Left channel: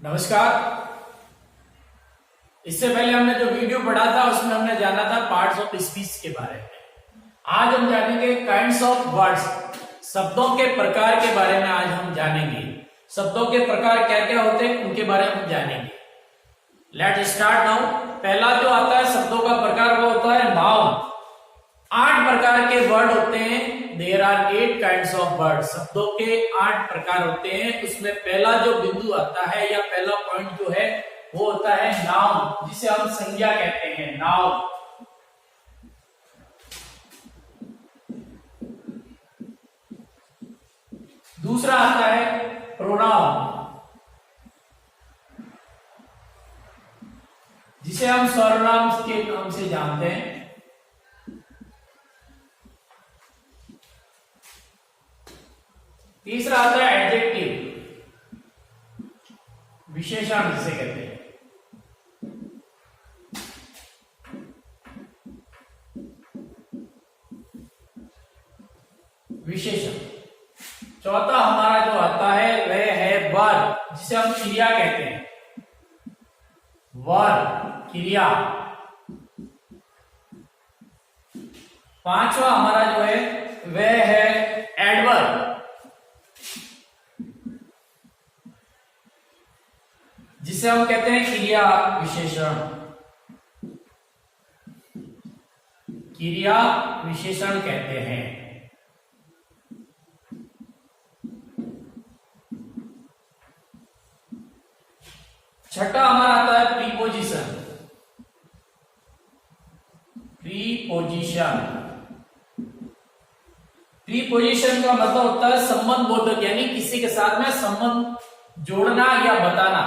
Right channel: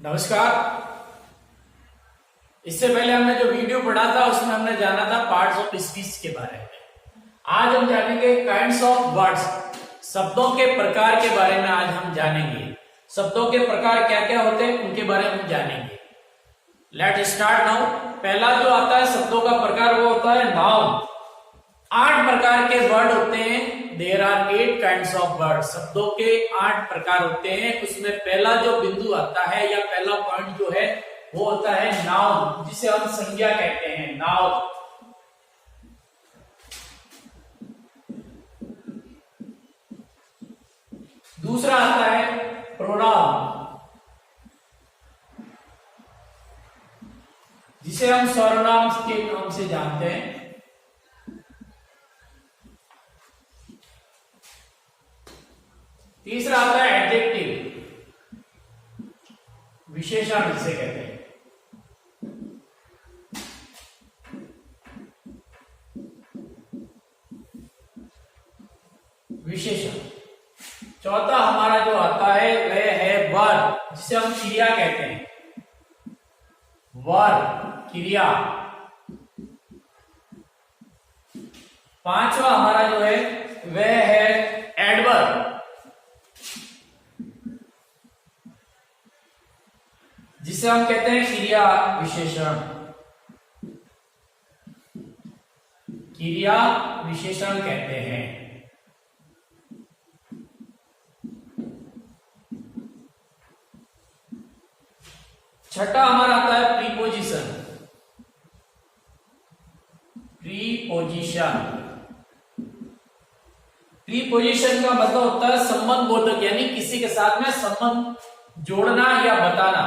नमस्कार। इससे पहले हमने जो वीडियो पढ़ा था उसमें हमने जाना था पार्ट्स ऑफ स्पीच के बारे में। आज हम जानेंगे काइंड्स ऑफ वर्ड्स, शब्दों के प्रकार के बारे में। आज हम जानेंगे शब्दों के प्रकार क्या क्या होते हैं, उनके बारे में हम जानेंगे। Let start now. पहला जो आता है शब्दों का प्रकार वो होता है नाउन। 8 प्रकार के वर्ड होते हैं। There are 8 kinds of word. शब्दों के 8 प्रकार होते हैं। उसमें पहला जो बिंदु आता है या पहला पॉइंट जो है वो होता है नाउन, जिसे हम संज्ञा कहते हैं। नाउन। दूसरा आता है प्रोनाउन, जिसे हम सर्वनाम के नाम से जानते हैं। तीसरा आता है एडजेक्टिव, विशेषण जिसे कहते हैं। विशेषण। चौथा हमारा जो आता है वह है वर्ब, जिसे हम क्रिया कहते हैं। वर्ब, क्रिया। पांचवा हमारा जो है वह है एडवर्ब, जिसे हम कहते हैं क्रिया विशेषण। क्रिया विशेषण कहते हैं। छठा हमारा आता है प्रीपोजिशन। प्रीपोजिशन। प्रीपोजिशन का मतलब होता है संबंध बोधक, यानी किसी के साथ में संबंध जोड़ना या बताना।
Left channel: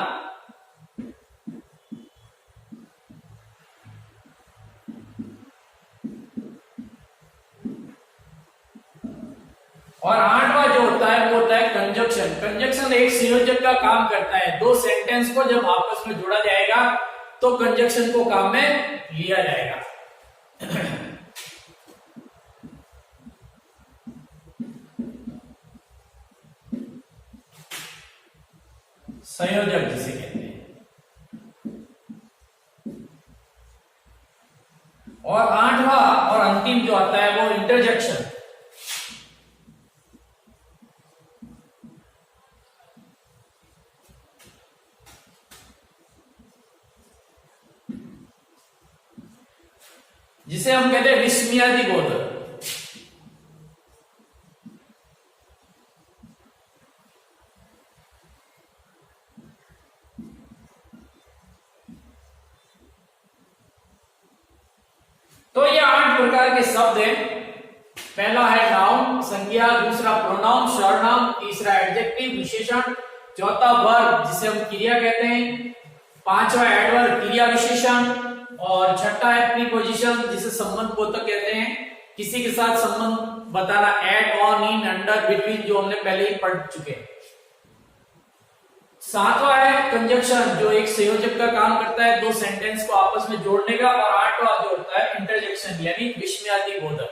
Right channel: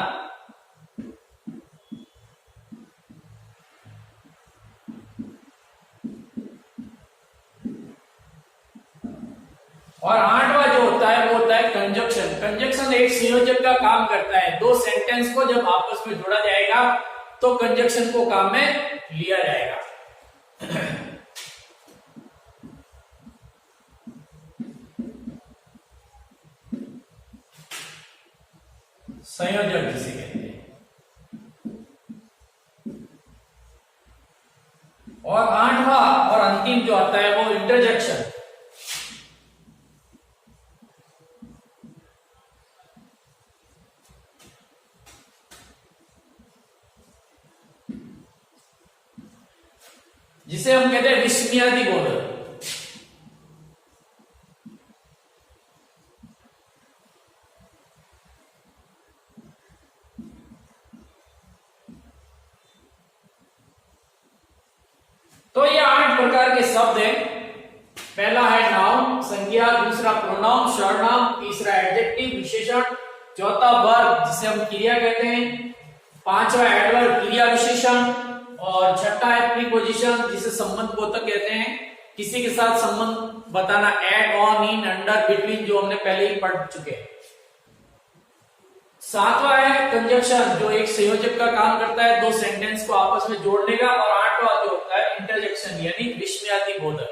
और 8वां जो होता है वो होता है कंजक्शन। कंजक्शन एक संयोजक का काम करता है। दो सेंटेंस को जब आपस में जोड़ा जाएगा तो कंजक्शन को काम में लिया जाएगा। संयोजक जिसे कहते हैं। और 8वां और अंतिम जो आता है वो इंटरजेक्शन। जिसे हम कहते हैं विस्मयादि बोधक। तो ये 8 प्रकार के शब्द हैं। पहला है नाउन, संज्ञा। दूसरा प्रोनाउन, सर्वनाम। तीसरा एडजेक्टिव, विशेषण। चौथा वर्ब, जिसे हम क्रिया कहते हैं। पांचवा एडवर्ब, क्रिया विशेषण। और छठा है प्रीपोजिशन, जिसे संबंध बोधक कहते हैं, किसी के साथ संबंध बताना। At, on, in, under, between, जो हमने पहले ही पढ़ चुके हैं। सातवां है कंजक्शन, जो एक संयोजक का काम करता है, दो सेंटेंस को आपस में जोड़ने का। और 8वां जो होता है इंटरजेक्शन, यानी विस्मयादि बोधक।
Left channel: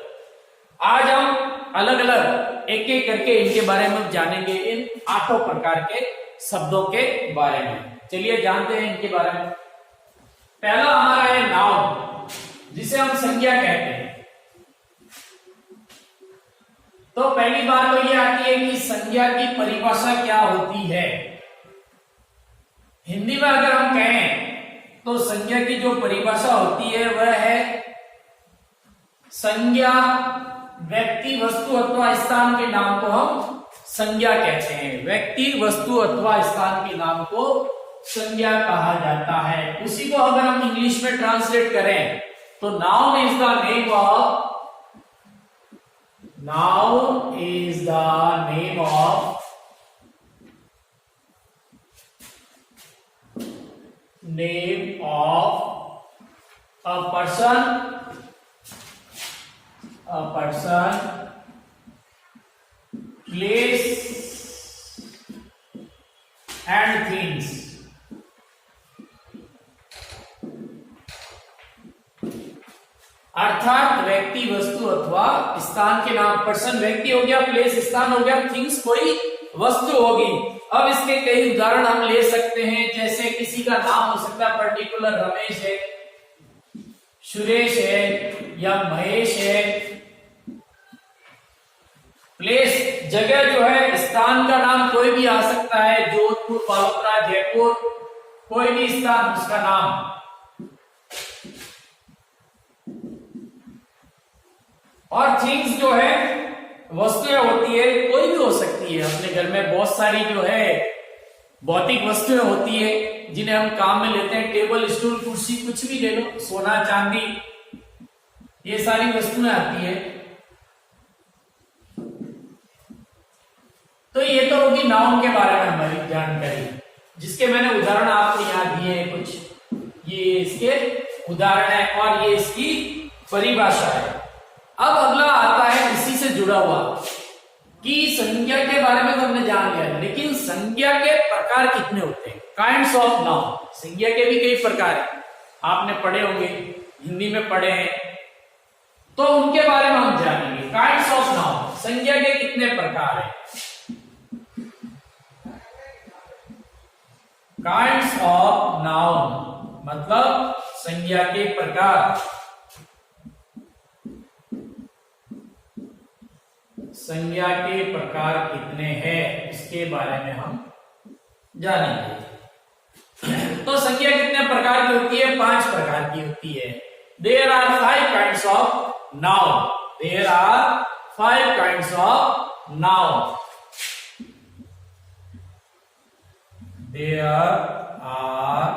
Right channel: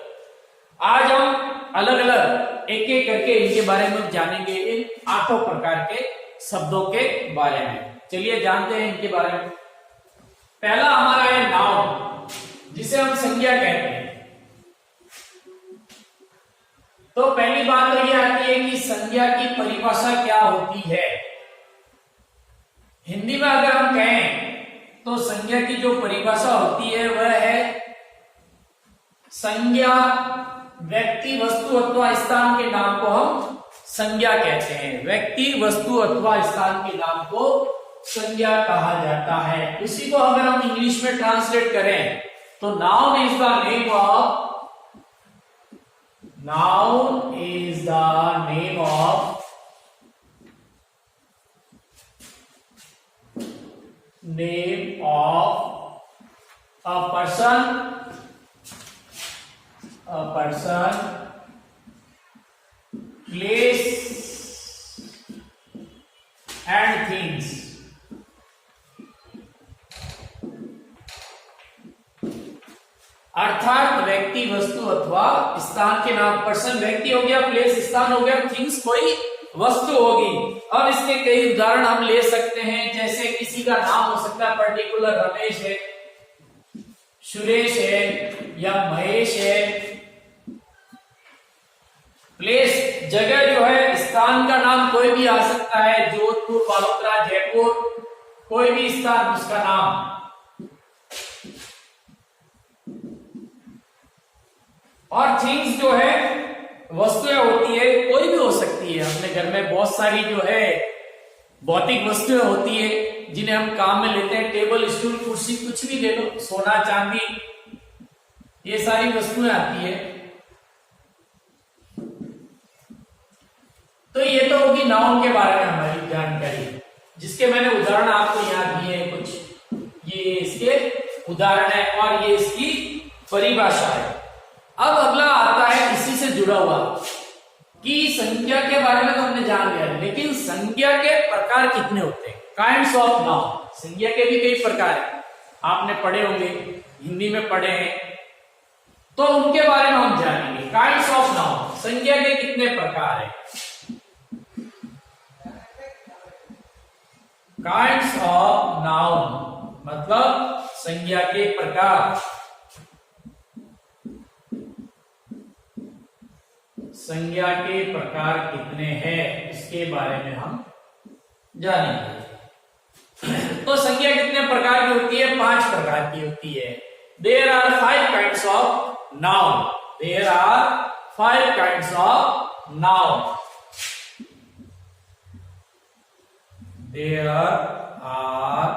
आज हम अलग अलग एक एक करके इनके बारे में जानेंगे, इन 8 प्रकार के शब्दों के बारे में। चलिए जानते हैं इनके बारे में। पहला हमारा है नाउन, जिसे हम संज्ञा कहते हैं। तो पहली बात तो यह आती है कि संज्ञा की परिभाषा क्या होती है। हिंदी में अगर हम कहें तो संज्ञा की जो परिभाषा होती है वह है संज्ञा व्यक्ति, वस्तु अथवा स्थान के नाम को हम संज्ञा कहते हैं। व्यक्ति, वस्तु अथवा स्थान के नाम को संज्ञा कहा जाता है। उसी को अगर हम इंग्लिश में ट्रांसलेट करें तो noun is the name of a person, place and things. अर्थात व्यक्ति, वस्तु अथवा स्थान के नाम। पर्सन व्यक्ति हो गया, प्लेस स्थान हो गया, थिंग्स कोई वस्तु होगी। अब इसके कई उदाहरण हम ले सकते हैं, जैसे किसी का नाम हो सकता है, पर्टिकुलर रमेश है, सुरेश है या महेश है। प्लेस जगह जो है, स्थान का नाम कोई भी आ सकता है, जोधपुर, बालोतरा, जयपुर, कोई भी स्थान उसका नाम। और थिंग्स जो है, वस्तुएं होती है, कोई भी हो सकती है। अपने घर में बहुत सारी जो है भौतिक वस्तुएं होती है जिन्हें हम काम में लेते हैं, टेबल, स्टूल, कुर्सी, कुछ भी ले लो, सोना, चांदी, ये सारी वस्तुएं आती है। तो ये तो होगी नाउन के बारे में हमारी जानकारी, जिसके मैंने उदाहरण आपको यहाँ दिए हैं कुछ। ये इसके उदाहरण है और ये इसकी परिभाषा है। अब अगला आता है इसी से जुड़ा हुआ कि संज्ञा के बारे में तो हमने जान लिया, लेकिन संज्ञा के प्रकार कितने होते हैं, काइंड्स ऑफ नाउन। संज्ञा के भी कई प्रकार है, आपने पढ़े होंगे, हिंदी में पढ़े हैं, तो उनके बारे में हम जानेंगे। काइंड्स ऑफ नाउन, संज्ञा के कितने प्रकार है। काइंड्स ऑफ नाउन मतलब संज्ञा के प्रकार। संज्ञा के प्रकार कितने हैं इसके बारे में हम जानेंगे। तो संज्ञा कितने प्रकार की होती है? 5 प्रकार की होती है। There are 5 kinds of noun. There are 5 kinds of noun. There are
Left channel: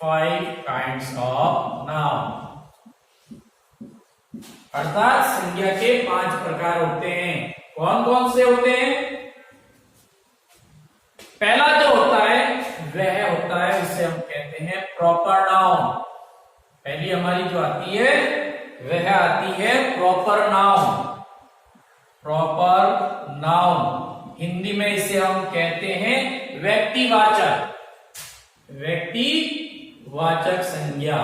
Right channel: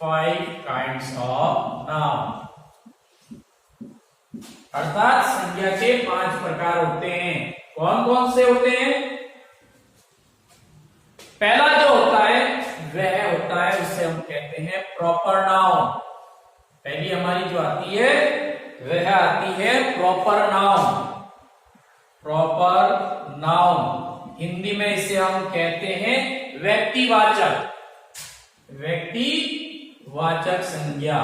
5 kinds of noun. अर्थात संज्ञा के 5 प्रकार होते हैं। कौन कौन से होते हैं? पहला जो होता है वह होता है, उसे हम कहते हैं प्रॉपर नाउन। पहली हमारी जो आती है वह आती है proper noun. Proper noun Hindi में इसे हम कहते हैं व्यक्तिवाचक। व्यक्तिवाचक संज्ञा।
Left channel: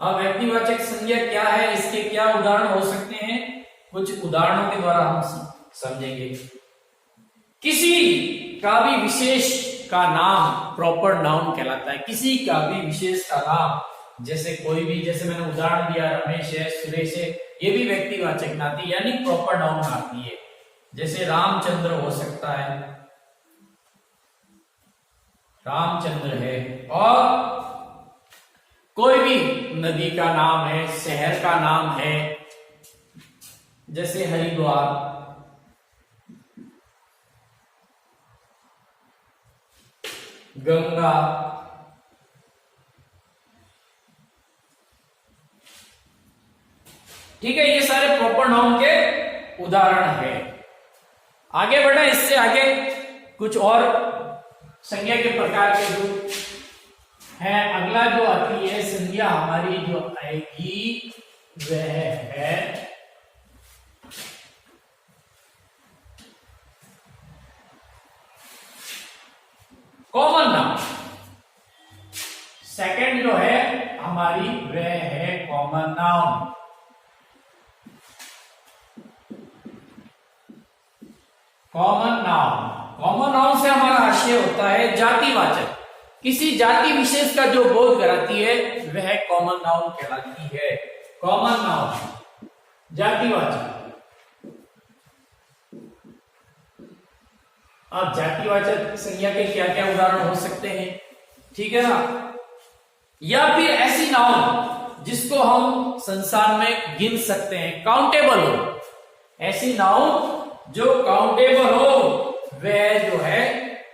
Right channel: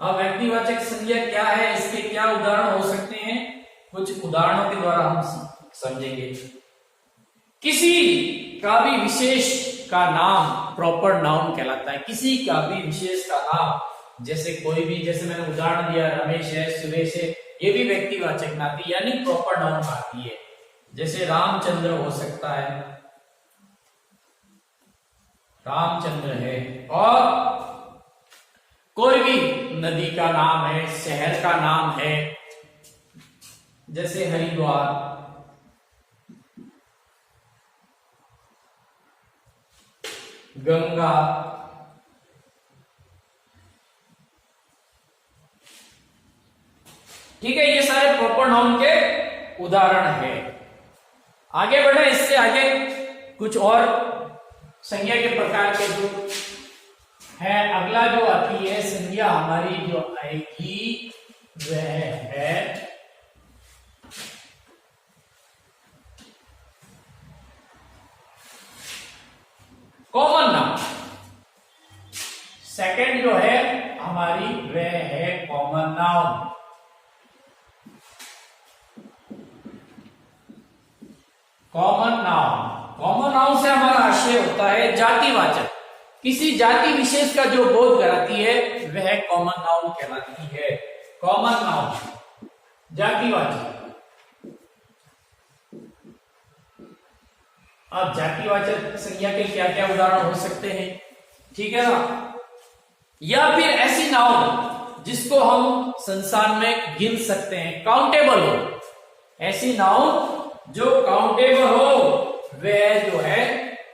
अब व्यक्तिवाचक संज्ञा क्या है, इसके क्या उदाहरण हो सकते हैं, कुछ उदाहरणों के द्वारा हम समझेंगे। किसी का भी विशेष का नाम प्रॉपर नाउन कहलाता है। किसी का भी विशेष का नाम, जैसे कोई भी, जैसे मैंने उदाहरण दिया रमेश है, सुरेश है, ये भी व्यक्तिवाचक नाती यानी प्रॉपर नाउन आती है। जैसे रामचंद्र हो सकता है, रामचंद्र है। और कोई भी नदी का नाम है, शहर का नाम है, जैसे हरिद्वार। गंगा। ठीक है, ये सारे प्रॉपर नाउन के उदाहरण है। आगे बढ़ा, इससे आगे कुछ और संज्ञा के प्रकार के जो है, अगला जो आती है संज्ञा हमारी जो आएगी वह है कॉमन नाउन। सेकंड जो है हमारी वह है common noun. Common noun, common noun से हमारा आशय होता है जातिवाचक। किसी जाति विशेष का जो बोध कराती है वह कॉमन नाउन कहलाती है। कॉमन नाउन जातिवाचक। अब जातिवाचक संज्ञा के क्या क्या उदाहरण हो सकते हैं, ठीक है ना। या फिर ऐसी नाउन जिसको हम संसार में गिन सकते हैं, काउंटेबल हो। ऐसी नाउन जो काउंटेबल हो वह जो है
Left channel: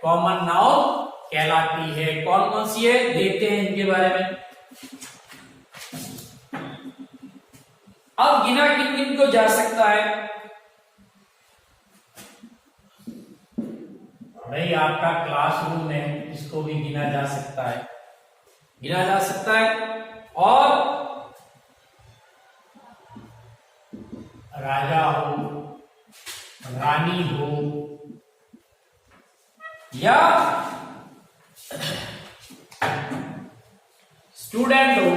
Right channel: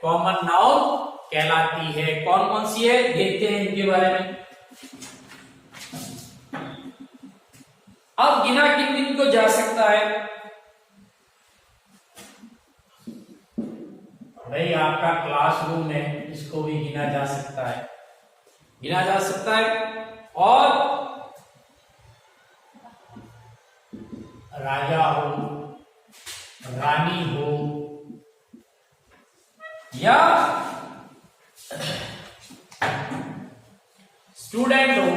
कॉमन नाउन कहलाती है। कौन कौन सी है देखते हैं इनके बारे में। अब गिना किन किन को जा सकता है भाई, आपका क्लासरूम है, इसको भी गिना जा सकता है, गिना जा सकता है। और राजा हो, रानी हो, या स्टूडेंट हो,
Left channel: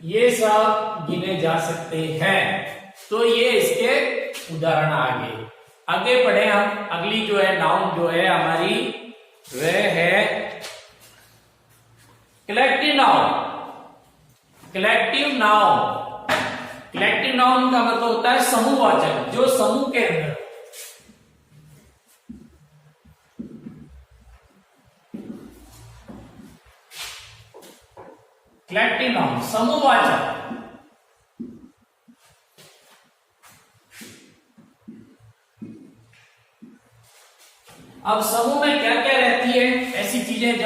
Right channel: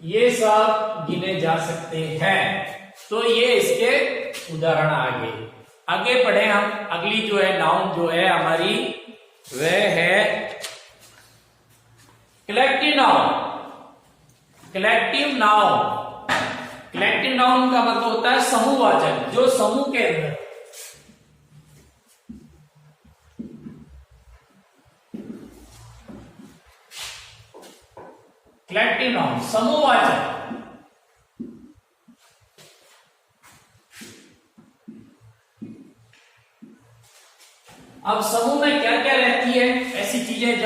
ये सब गिने जा सकते हैं। तो ये इसके उदाहरण आगे बढ़े हम। अगली जो है नाउन जो है हमारी वह है कलेक्टिव नाउन। कलेक्टिव नाउन का मतलब होता है समूहवाचक, जो समूह के अंदर। कलेक्टिव नाउन समूहवाचक। अब समूह में क्या क्या रहती है ऐसी चीजें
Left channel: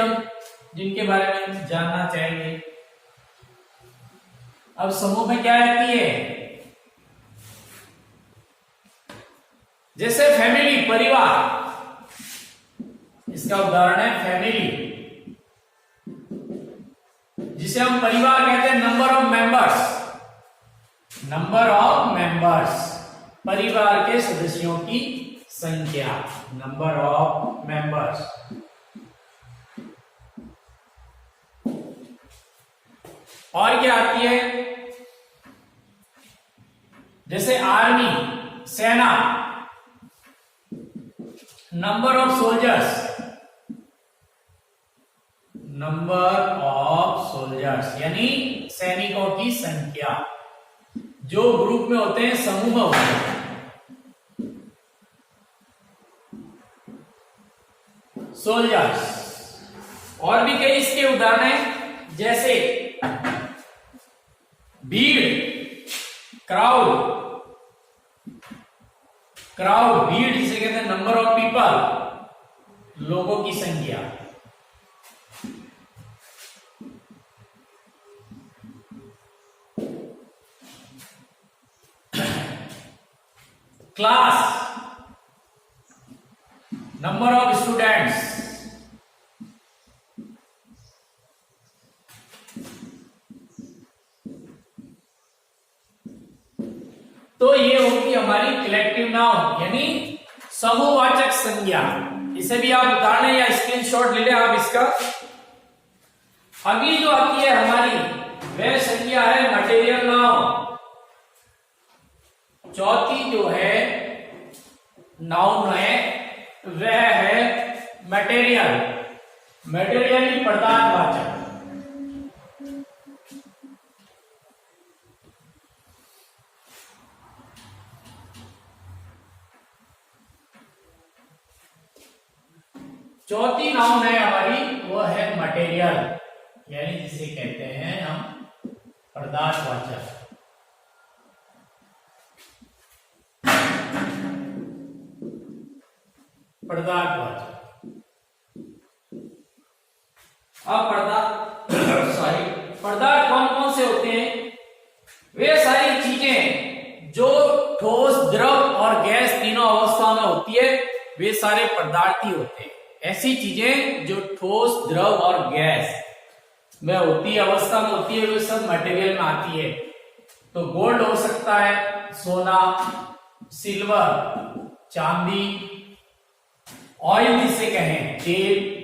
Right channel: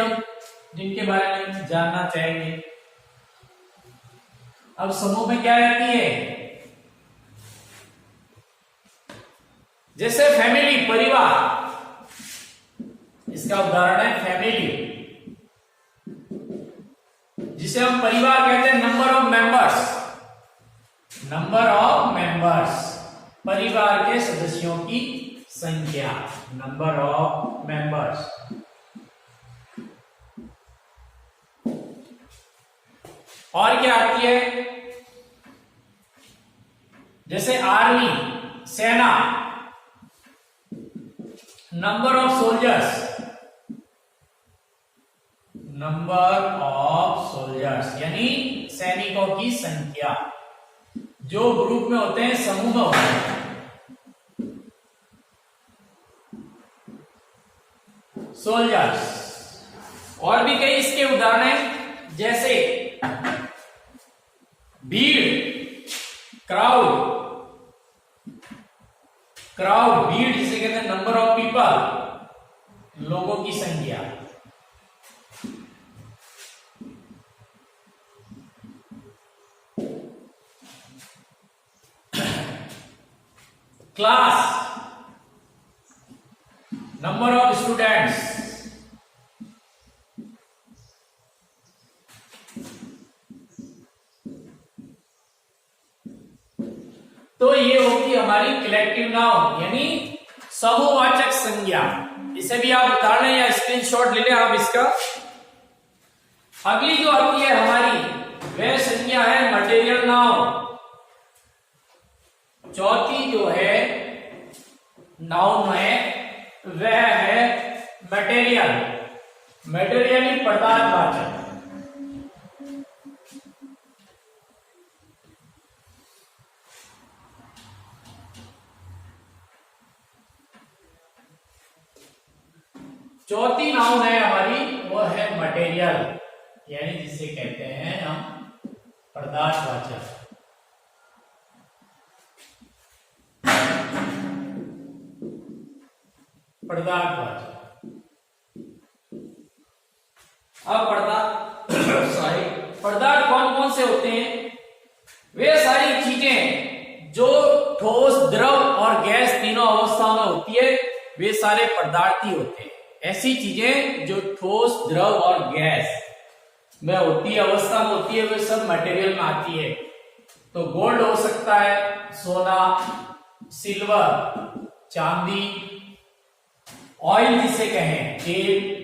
जिनके बारे में जानना चाहेंगे। अब समूह में क्या रहती है, जैसे फैमिली, परिवार, इसका उदाहरण है फैमिली, जिसे हम परिवार कहते हैं। नंबर ऑफ मेंबर्स, परिवार के सदस्यों की संख्या, नंबर ऑफ मेंबर्स। और क्या आती है, जैसे आर्मी, सेना, नंबर ऑफ सोल्जर्स यानी सैनिकों की संख्या। जो ग्रुप में होते हैं, समूह होते हैं। सोल्जर्स। और भी कई इसके उदाहरण हैं, जैसे भीड़, क्राउड भीड़ जिसे कहते हैं, नंबर ऑफ पीपल, लोगों की संख्या। Class, number of students. तो ये होगी हमारी कलेक्टिव नाउन यानी समूहवाचक संज्ञा। इसे भी आप उतार लें या स्क्रीनशॉट ले लें आप इसका। अगली जो आती है हमारी वह संज्ञा है मटेरियल नाउन। चौथी जो है नाउन है वह है मटेरियल, मटेरियली पदार्थवाचक। चौथी नाउन है हमारी वो है मटेरियल यानी जिसे कहते हैं हम पदार्थवाचक। अब पदार्थ कौन कौन से होते हैं, वे सारी चीजें जो ठोस, द्रव और गैस तीनों अवस्थाओं में होती है वे सारे पदार्थ ही होते हैं। ऐसी चीजें जो ठोस, द्रव और गैस में होती है, अवस्था में होती है, वे सब मटेरियल में आती है। तो गोल्ड हो सकता है, सोना, सिल्वर, चांदी, ऑयल जिसे कहें, तेल,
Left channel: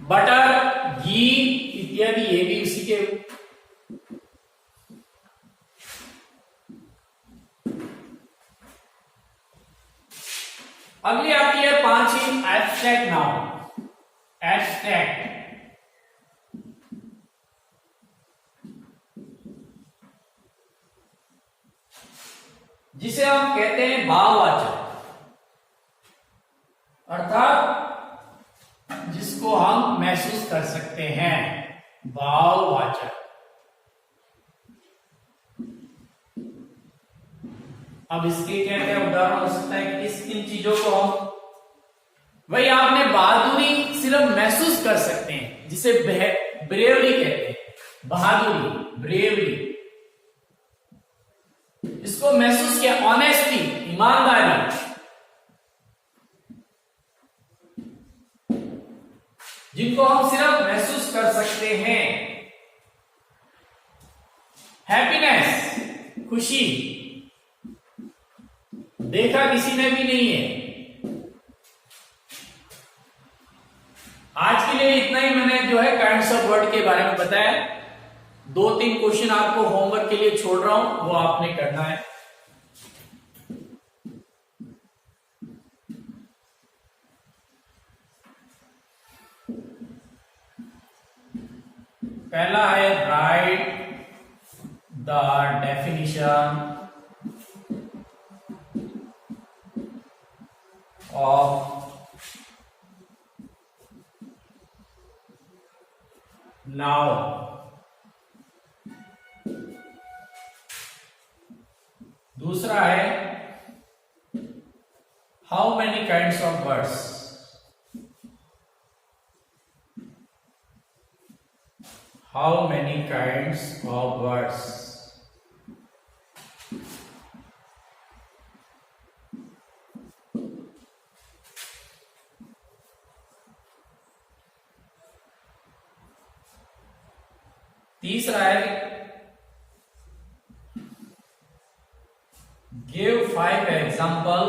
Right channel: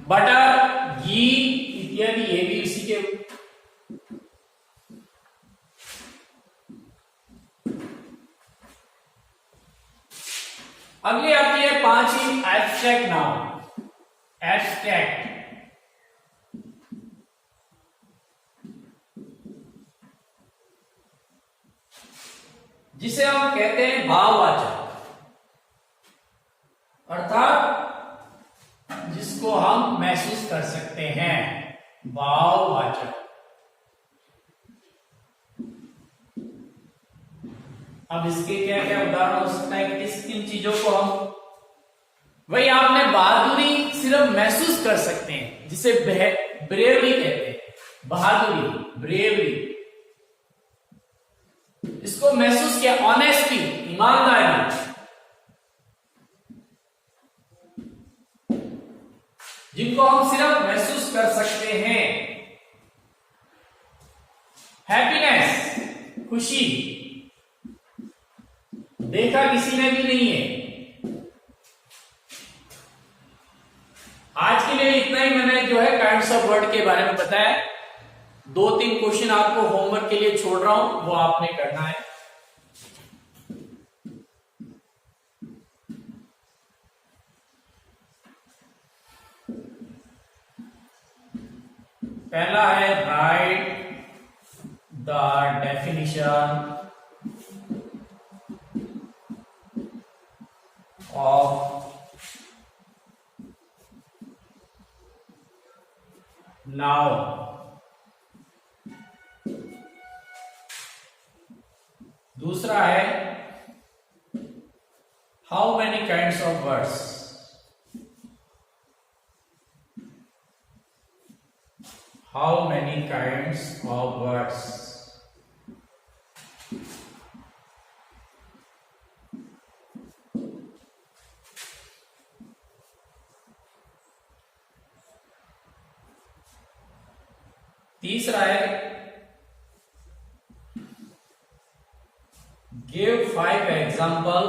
बटर, घी इत्यादि, ये भी उसी के। अगली आती है पांचवी एब्स्ट्रैक्ट नाउन। एब्स्ट्रैक्ट जिसे हम कहते हैं भाववाचक, अर्थात जिसको हम महसूस कर सकते हैं, भाववाचक। अब इसके क्या क्या उदाहरण हो सकता है, किस किन चीजों को हम, वही आपने बहादुरी सिर्फ महसूस कर सकते हैं जिसे ब्रेवरी कहते हैं, बहादुरी, ब्रेवरी, इसको महसूस किया। ऑनेस्टी, ईमानदारी, जिनको हम सिर्फ महसूस कर सकते हैं। हैप्पीनेस, खुशी, देखा किसी ने भी नहीं है। आज के लिए इतना ही मैंने जो है काइंड्स ऑफ वर्ड के बारे में बताया। 2-3 क्वेश्चन आपको होमवर्क के लिए छोड़ रहा हूं, वो आपने करना है। पहला है right the definition of noun. दूसरा है how many kinds of words. How many kinds of words? तीसरा है give 5 example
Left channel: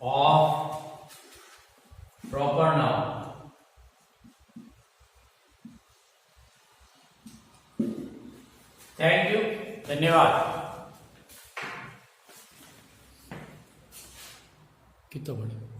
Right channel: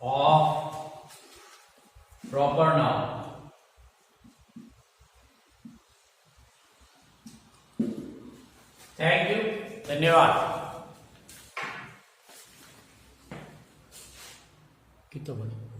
of proper noun। Thank you, धन्यवाद। कितना बड़ी